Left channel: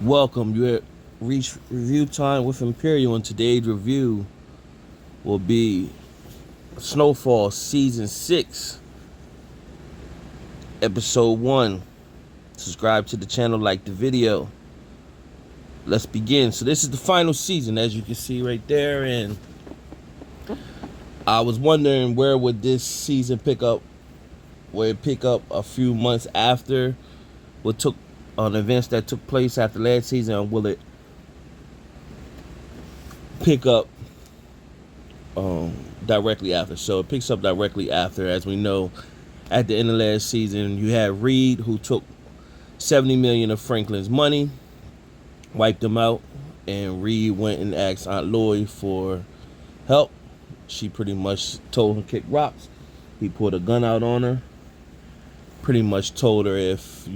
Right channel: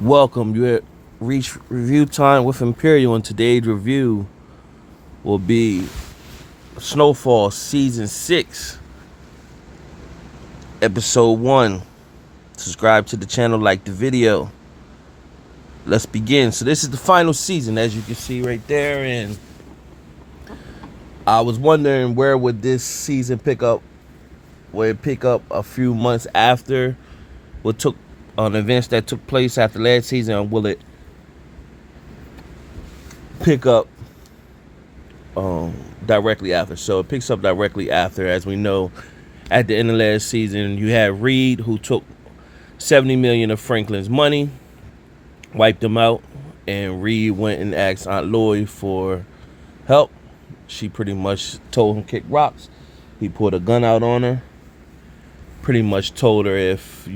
Welcome. You at reach review time with Imperial, and today's review will be Snowfall Season 6, Episode 1. Subscribe to the channel, like the video. Let's begin. So this is the final season, as you can see right there, and I was wondering where would this season pick up. Would it pick up a few months after what took on events that took place after last season, or will it pick up directly after? So it picks up directly after. As we know, at the end of last season, you had Reed, who took 70 million of Franklin's money, wiped him out, and Reed went and asked Aunt Louie for help. She pretty much told him kick rocks. He pulled a gun out on her, pretty much told her if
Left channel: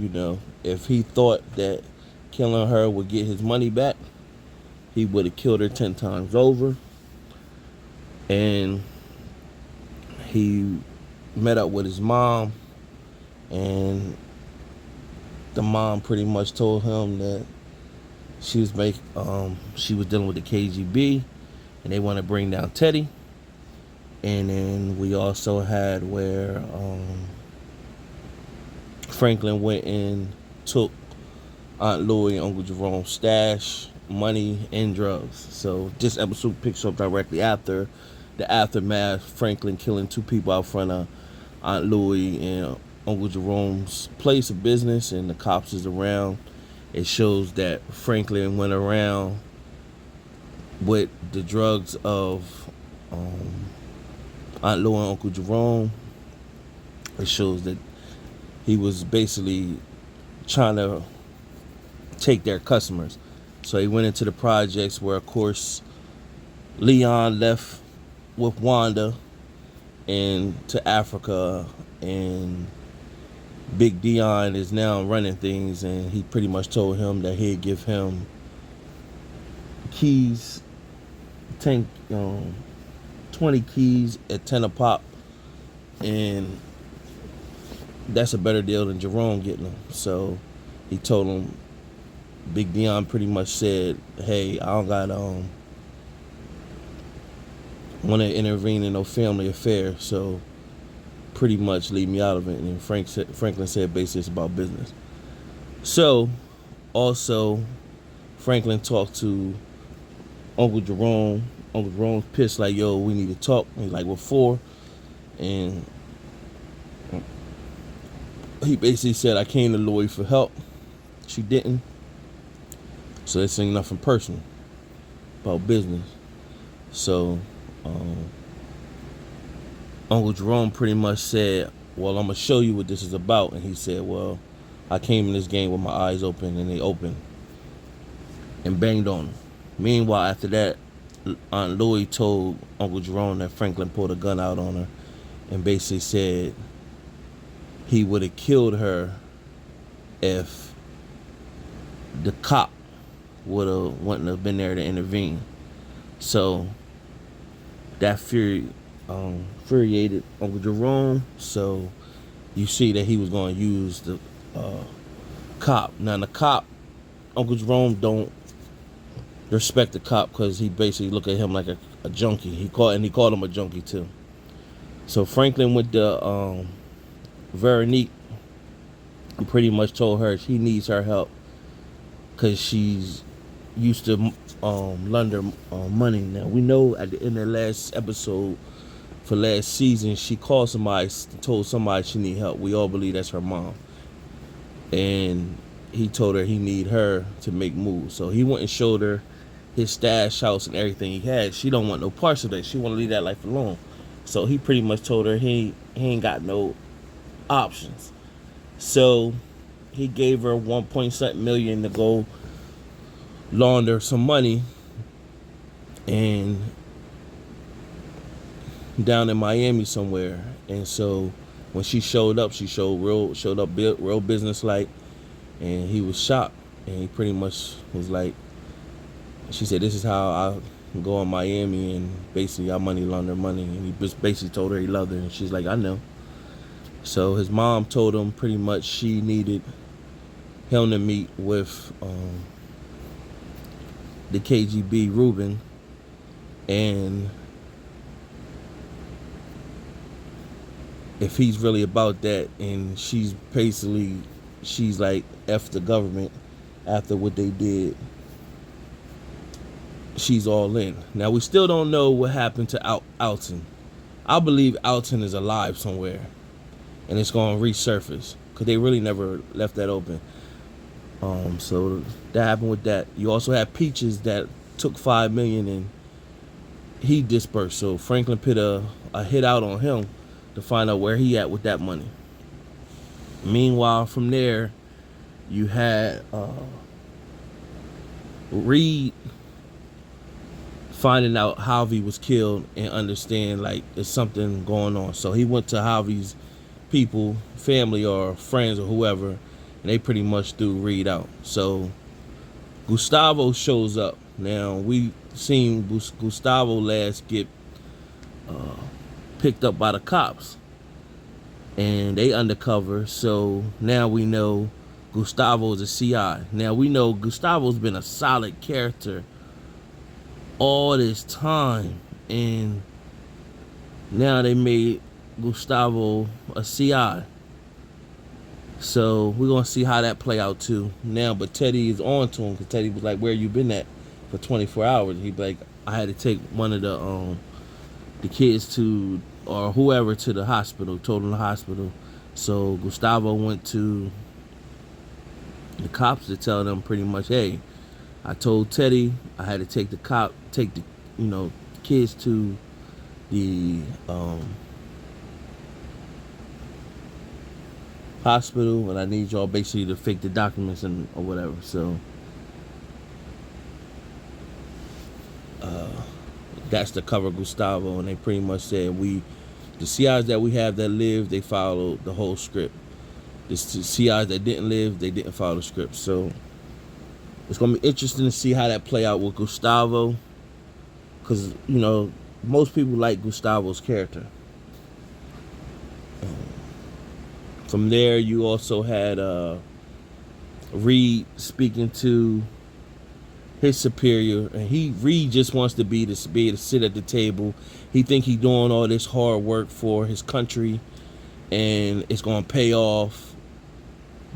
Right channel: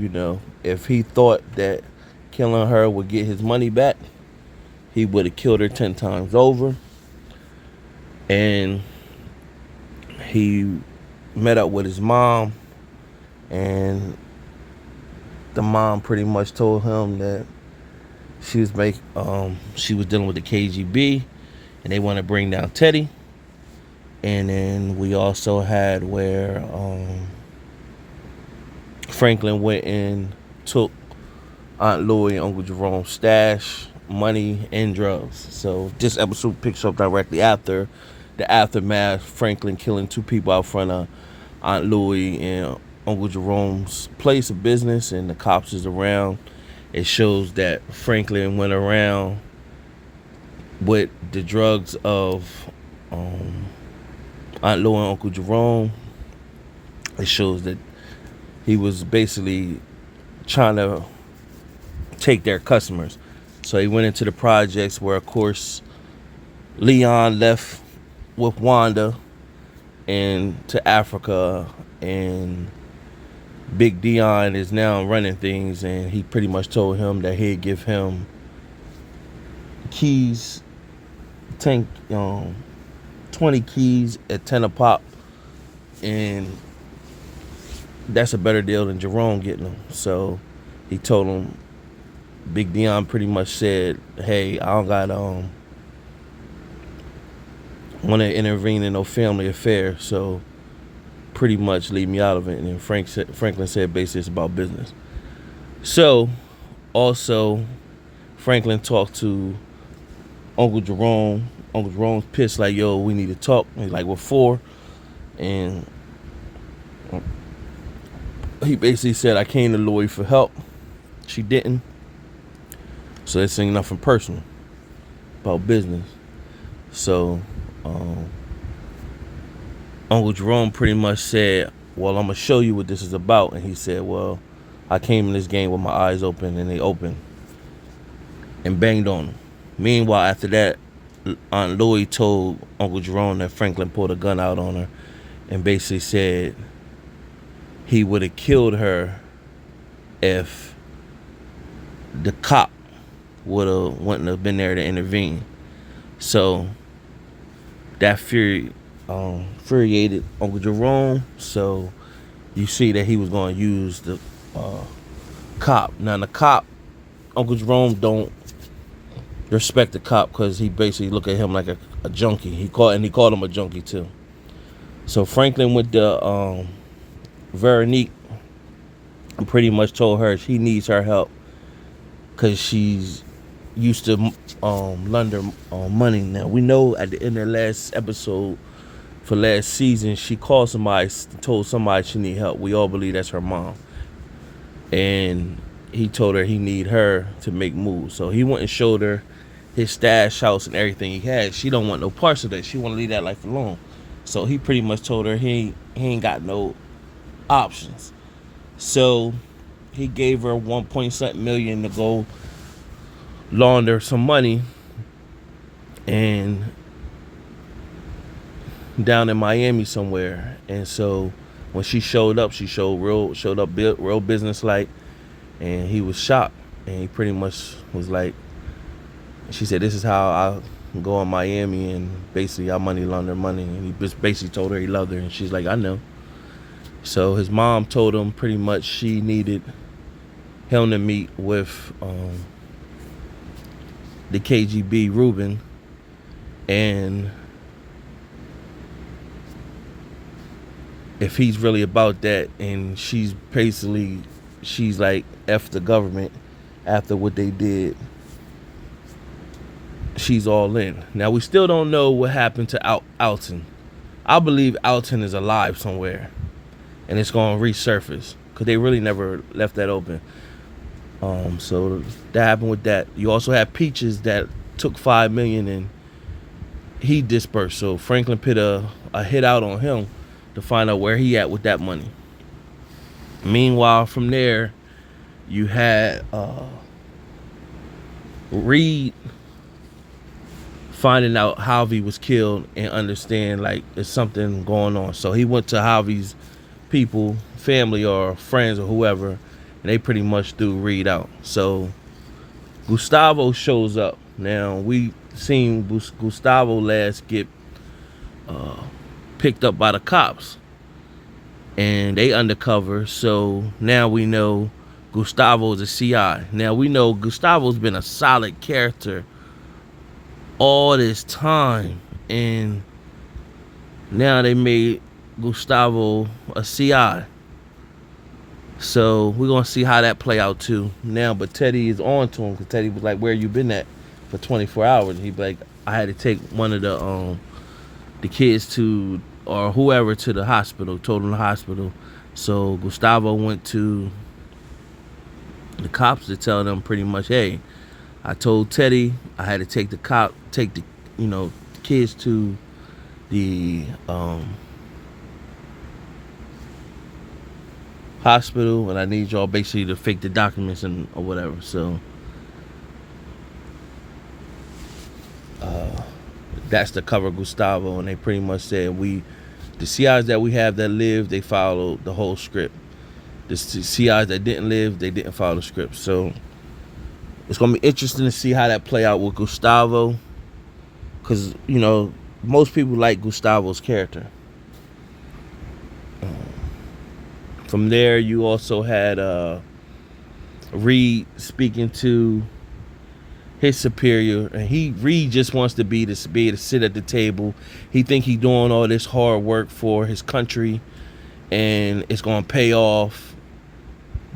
he thought that killing her would get his money back, he would have killed her 10 times over. And he met up with his mom, and the mom pretty much told him that she was dealing with the KGB, and they want to bring down Teddy. And then we also had where Franklin went and took Aunt Louie and Uncle Jerome's stash, money, and drugs. So this episode picks up directly after the aftermath. Franklin killing 2 people out front of Aunt Louie and Uncle Jerome's place of business, and the cops is around. It shows that Franklin went around with the drugs of Aunt Louie and Uncle Jerome. It shows that he was basically trying to take their customers. So he went into the projects where, of course, Leon left with Wanda and to Africa, and Big Dion is now running things, and he pretty much told him that he'd give him keys, 20 keys at 10 a pop, and that's a better deal than Jerome getting them. So he told him, Big Dion pretty much said, hey, I don't got want to intervene in no family affair, so pretty much leave me out of it. And then Franklin said basically it's about business. So also Franklin talked to Uncle Jerome. Uncle Jerome's pissed, like, yo, we need to talk. He's like, what for? And he basically said, I came to Louie for help. She didn't. So this ain't nothing personal, about business. So Uncle Jerome pretty much said, well, I'm going to show you what this is about. And he said, well, I came in this game with my eyes open, and they opened and banged on him. Meanwhile, after that, Aunt Louie told Uncle Jerome that Franklin pulled a gun out on her and basically said he would have killed her if the cop wouldn't have been there to intervene. So that infuriated Uncle Jerome. So you see that he was going to use the cop. Now the cop, Uncle Jerome don't respect the cop because he basically look at him like a junkie. He called him a junkie too. So Franklin with the Veronique pretty much told her she needs her help because she's used to launder money. Now we know at the end of the last episode for last season, she called somebody, told somebody she need help. We all believe that's her mom, and he told her he need her to make moves. So he went and showed her his stash house and everything he had. She don't want no parts of that. She want to leave that life alone. So he pretty much told her he ain't got no options. So he gave her 1.7 million to go launder some money, and down in Miami somewhere. And so when she showed up, she showed up real business like, and he was shocked. And he pretty much was like, she said, this is how I go in Miami, and basically I money launder money. And he just basically told her he loved her, and she's like, I know. So his mom told him pretty much she needed him to meet with the KGB Reuben, and if he's really about that, and she's like F the government after what they did, she's all in. Now we still don't know what happened to Alton. I believe Alton is alive somewhere, and it's gonna resurface because they really never left that open. So that happened with that. You also had Peaches that took $5 million and he dispersed. So Franklin put a hit out on him to find out where he at with that money. Meanwhile, from there, you had Reed finding out Harvey was killed and understand like there's something going on. So he went to Harvey's people, family or friends or whoever, and they pretty much threw Reed out. So Gustavo shows up. Now we seen Gustavo last get picked up by the cops, and they undercover. So now we know Gustavo is a CI. Now we know Gustavo's been a solid character all this time, and now they made Gustavo a CI. So we're gonna see how that play out too now. But Teddy is on to him because Teddy was like, "Where you been at for 24 hours?" He'd be like, "I had to take one of the kids to or whoever to the hospital, told him the hospital." So Gustavo went to the cops to tell them pretty much, "Hey, I told Teddy I had to take the kids to the hospital, and I need y'all basically to fake the documents and or whatever." So that's the cover Gustavo, and they pretty much said the CIs that we have that live, they followed the whole script. The CIs that didn't live, they didn't follow the script. So it's gonna be interesting to see how that play out with Gustavo, because most people like Gustavo's character. From there, you also had Reed speaking to his superior, and Reed just wants to be able to sit at the table. He think he doing all this hard work for his country, and it's gonna pay off.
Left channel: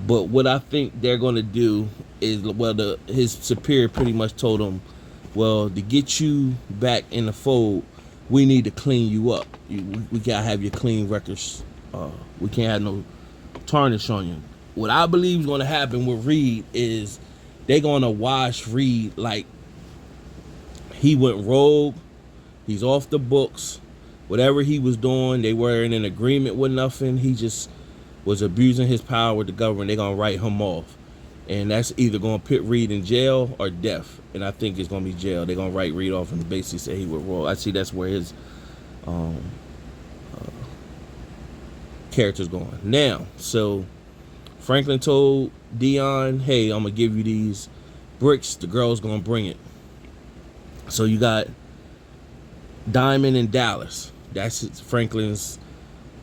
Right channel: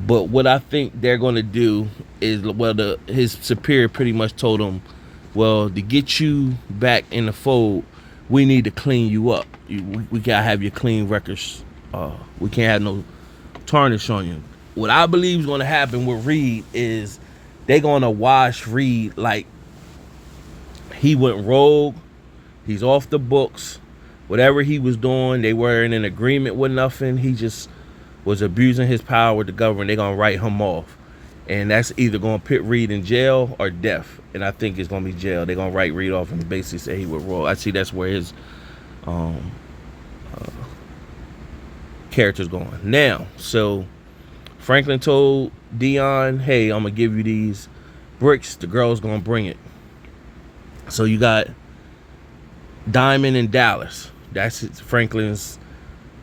But what I think they're gonna do is, his superior pretty much told him, well, to get you back in the fold, we need to clean you up. We gotta have your clean records. We can't have no tarnish on you. What I believe is going to happen with Reed is they're going to wash Reed like he went rogue. He's off the books. Whatever he was doing, they weren't in agreement with nothing. He just was abusing his power with the government. They're going to write him off. And that's either going to put Reed in jail or death. And I think it's going to be jail. They're going to write Reed off and basically say he was rogue. I see that's where his character's going now. So Franklin told Dion, "Hey, I'm gonna give you these bricks. The girl's gonna bring it." So you got Diamond and Dallas. That's Franklin's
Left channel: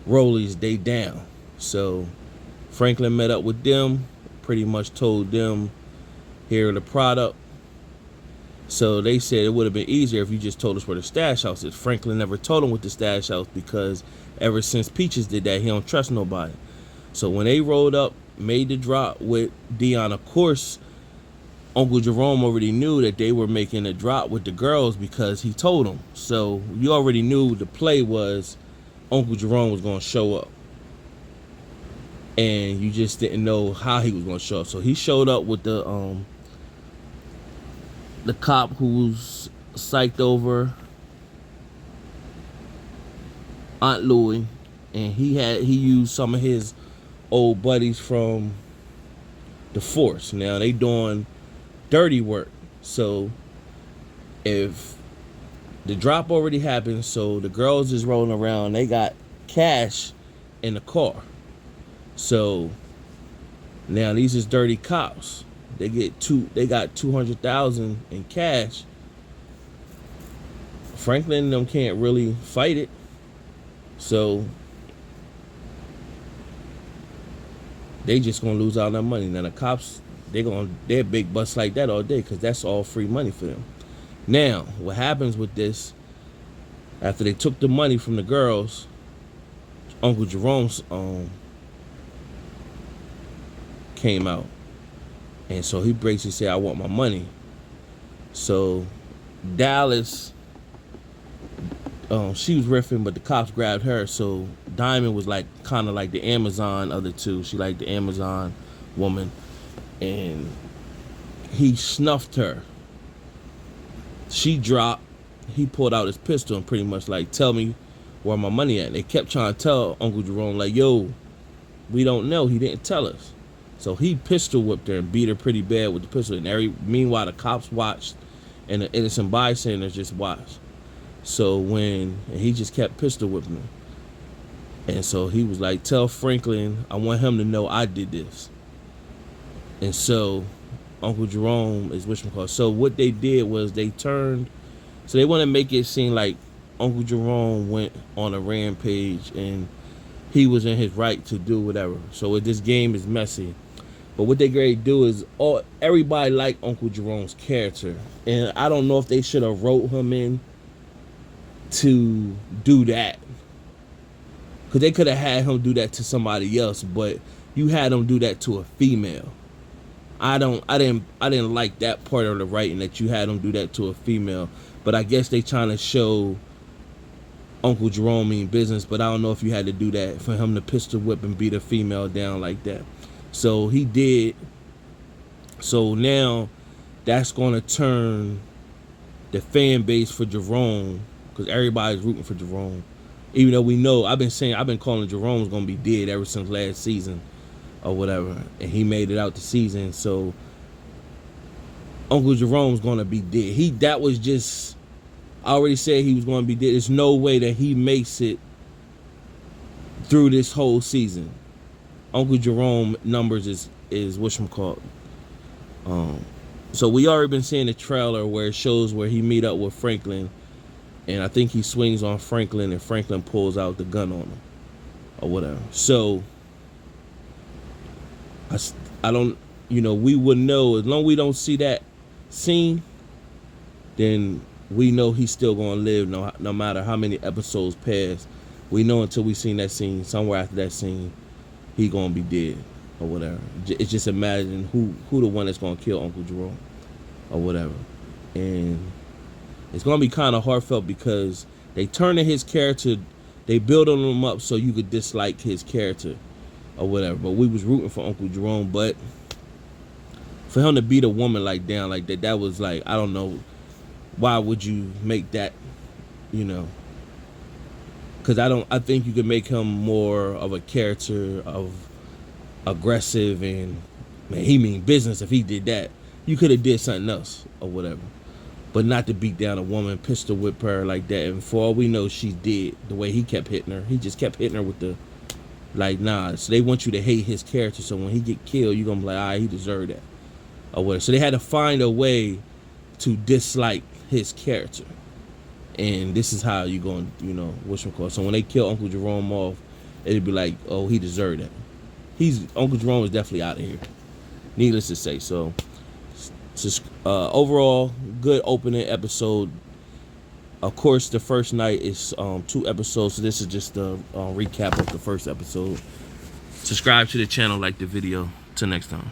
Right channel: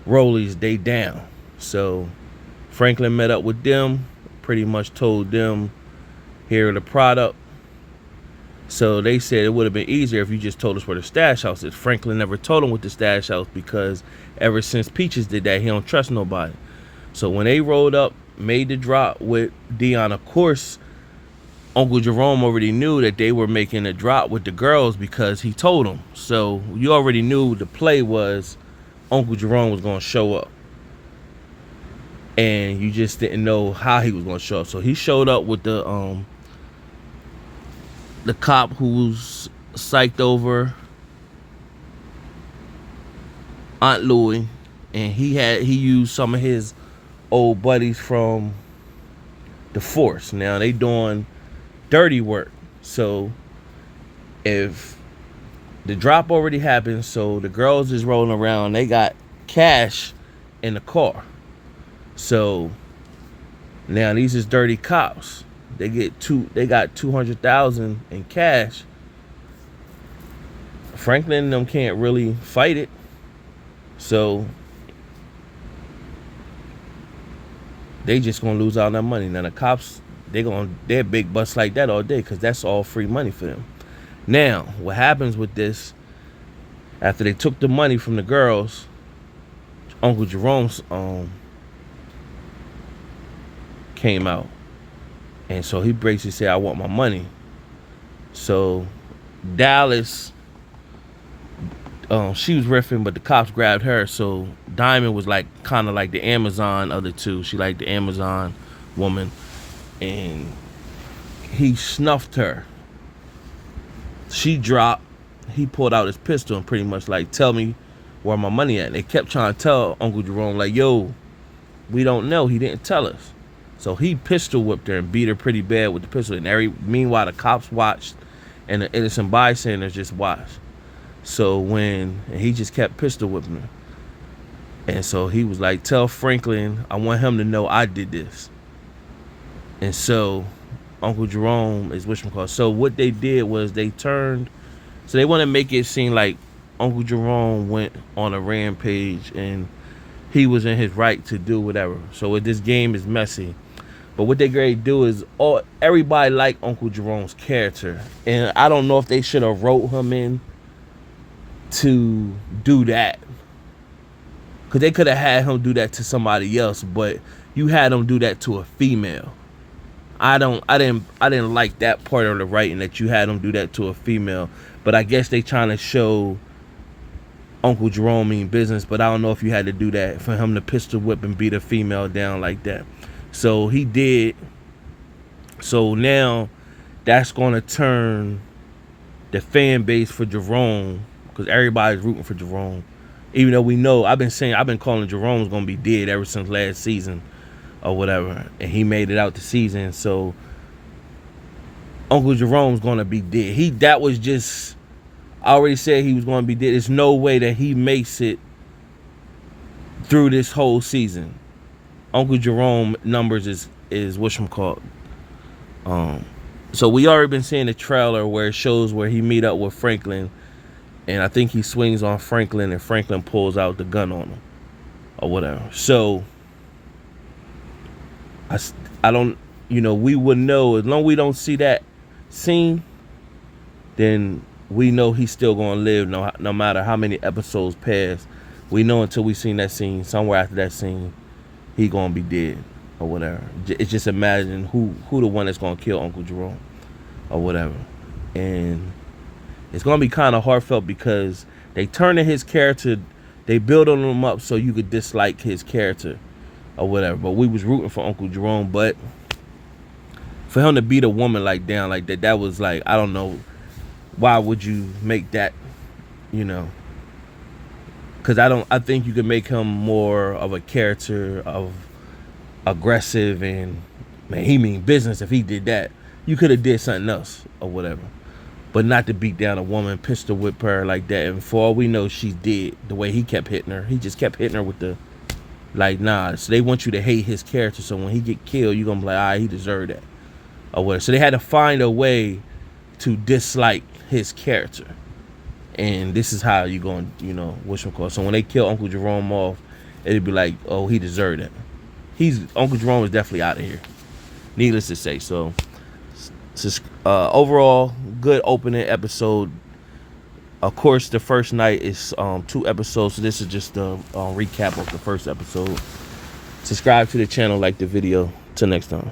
rollies. They down. So Franklin met up with them. Pretty much told them, "Here are the product." So they said it would have been easier if you just told us where the stash house is. Franklin never told him what the stash house, because ever since Peaches did that, he don't trust nobody. So when they rolled up, made the drop with Dion, of course, Uncle Jerome already knew that they were making a drop with the girls because he told them. So you already knew the play was Uncle Jerome was going to show up. And you just didn't know how he was going to show up. So he showed up with the cop who's psyched over Aunt Louie, and he used some of his old buddies from the force. Now they doing dirty work. So if the drop already happened, so the girls is rolling around, they got cash in the car. So now these is dirty cops. They got 200,000 in cash. Franklin and them can't really fight it. So they just gonna lose all that money. Now the cops, they're big busts like that all day because that's all free money for them. Now, what happens with this? After they took the money from the girls, Uncle Jerome's came out, and so he basically said, "I want my money." So Dallas, she was riffing, but the cops grabbed her. So Diamond was like kind of like the Amazon other two. She like the Amazon woman, and he snuffed her. She dropped. He pulled out his pistol and pretty much like, "Tell me where my money at." And they kept trying to tell Uncle Jerome like, "Yo, we don't know. He didn't tell us." So he pistol whipped her and beat her pretty bad with the pistol. And meanwhile, the cops watched and the innocent bystanders just watched. So and he just kept pistol whipping her. And so he was like, "Tell Franklin, I want him to know I did this." And so Uncle Jerome is whatchamacallit. So what they did was they want to make it seem like Uncle Jerome went on a rampage and he was in his right to do whatever. So this game is messy. But what they going to do is everybody like Uncle Jerome's character. And I don't know if they should have wrote him in to do that. Because they could have had him do that to somebody else, but you had him do that to a female. I didn't like that part of the writing that you had him do that to a female. But I guess they trying to show Uncle Jerome mean business, but I don't know if you had to do that for him to pistol whip and beat a female down like that. So he did. So now that's going to turn the fan base for Jerome, because everybody's rooting for Jerome. Even though we know, I've been calling Jerome's going to be dead ever since last season or whatever. And he made it out the season. So Uncle Jerome's going to be dead. That was just, I already said he was going to be dead. There's no way that he makes it through this whole season. Uncle Jerome numbers is whatchamacallit. So we already been seeing the trailer where it shows where he meet up with Franklin, and I think he swings on Franklin and Franklin pulls out the gun on him or whatever. So I don't, we would know as long as we don't see that scene, then we know he's still gonna live no matter how many episodes pass. We know until we seen that scene. Somewhere after that scene, he gonna be dead or whatever. It's just imagine who the one that's gonna kill Uncle Jerome or whatever. And it's gonna be kind of heartfelt because they turning his character, they building him up so you could dislike his character or whatever. But we was rooting for Uncle Jerome, but for him to beat a woman like down like that was like, I don't know, why would you make that, because I think you could make him more of a character of aggressive and, man, he mean business. If he did that, you could have did something else or whatever, but not to beat down a woman, pistol whip her like that. And for all we know, she's dead. The way he kept hitting her, he just kept hitting her with the, like, nah. So they want you to hate his character, so when he get killed, you gonna be like, he deserved that or whatever. So they had to find a way to dislike his character. And this is how you going to, whatchamacallit. So when they kill Uncle Jerome off, it'd be like, oh, he deserved it. Uncle Jerome is definitely out of here. Needless to say. So overall, good opening episode. Of course, the first night is 2 episodes. So this is just a recap of the first episode. Subscribe to the channel, like the video. Till next time.